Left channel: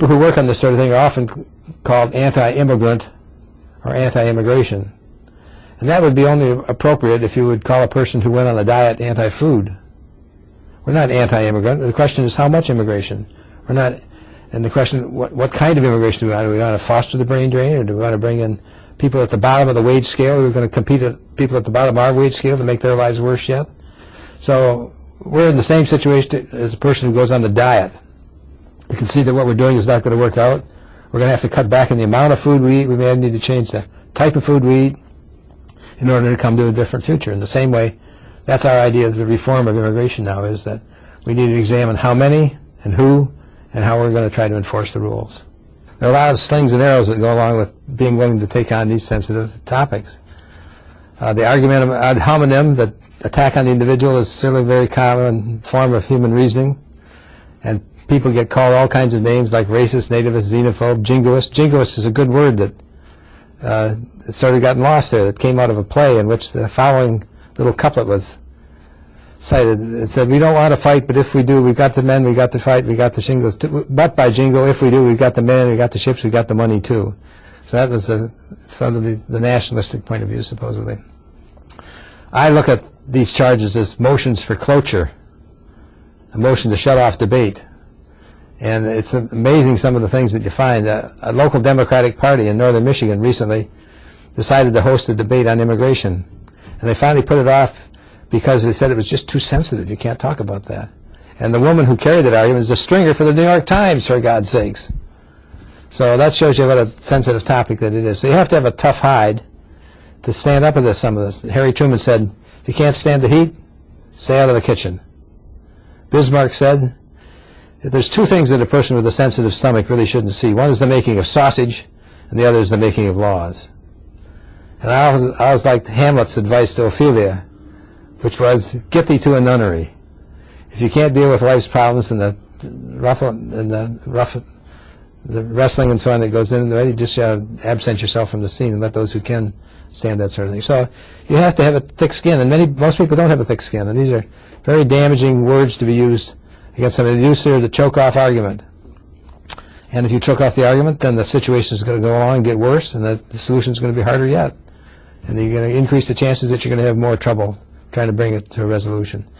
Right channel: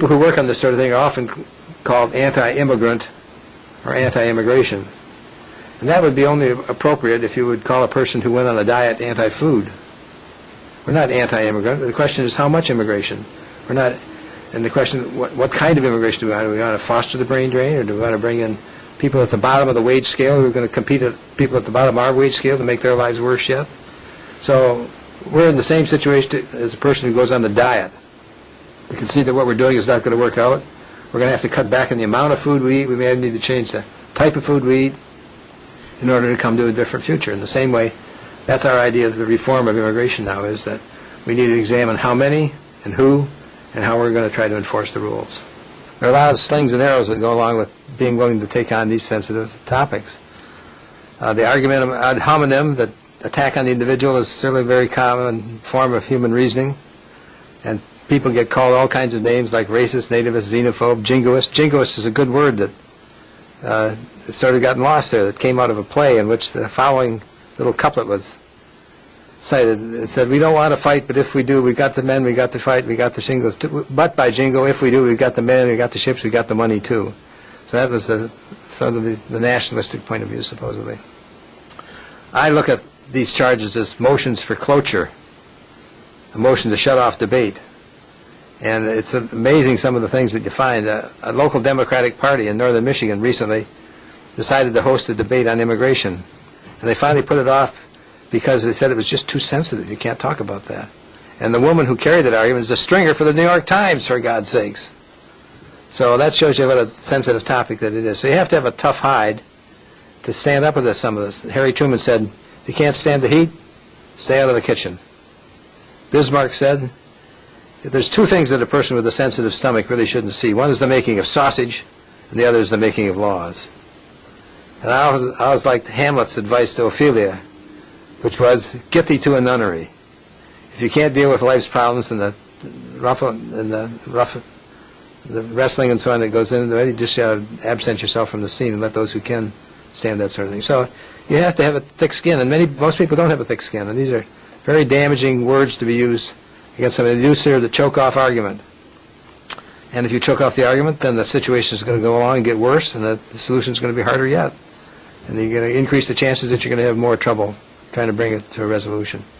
people who work on this sort of thing are often called anti-immigrant or anti-immigration. And that would be only appropriate if you would call a person who went on a diet anti-food. We're not anti-immigrant. The question is how much immigration. We're not, and the question, what kind of immigration do we want? Do we want to foster the brain drain, or do we want to bring in people at the bottom of the wage scale who are going to compete with people at the bottom of our wage scale to make their lives worse yet? So we're in the same situation as a person who goes on a diet. We can see that what we're doing is not going to work out. We're going to have to cut back on the amount of food we eat. We may need to change the type of food we eat in order to come to a different future. In the same way, that's our idea of the reform of immigration now, is that we need to examine how many and who and how we're going to try to enforce the rules. There are a lot of slings and arrows that go along with being willing to take on these sensitive topics. The argument of ad hominem, that attack on the individual, is certainly a very common form of human reasoning. And people get called all kinds of names like racist, nativist, xenophobe, jingoist. Jingoist is a good word that it's sort of gotten lost there. That came out of a play in which the following little couplet was cited. It said, "We don't want to fight, but if we do, we got the men, we got the fight, we got the shingles. But by jingo, if we do, we got the men, we got the ships, we got the money too." So that was sort of the nationalistic point of view, supposedly. I look at these charges as motions for cloture, a motion to shut off debate. And it's amazing some of the things that you find. A local Democratic Party in northern Michigan recently decided to host a debate on immigration. And they finally put it off because they said it was just too sensitive. You can't talk about that. And the woman who carried that argument is a stringer for the New York Times, for God's sakes. So that shows you what a sensitive topic that it is. So you have to have a tough hide to stand up against some of this. Harry Truman said, if you can't stand the heat, stay out of the kitchen. Bismarck said, there's two things that a person with a sensitive stomach really shouldn't see. One is the making of sausage, and the other is the making of laws. And I always liked Hamlet's advice to Ophelia, which was, get thee to a nunnery. If you can't deal with life's problems and the wrestling and so on that goes in, you just absent yourself from the scene and let those who can stand that sort of thing. So you have to have a thick skin, and most people don't have a thick skin, and these are very damaging words to be used against somebody. To use here to choke off argument. And if you choke off the argument, then the situation is going to go along and get worse, and the solution is going to be harder yet. And you're going to increase the chances that you're going to have more trouble trying to bring it to a resolution.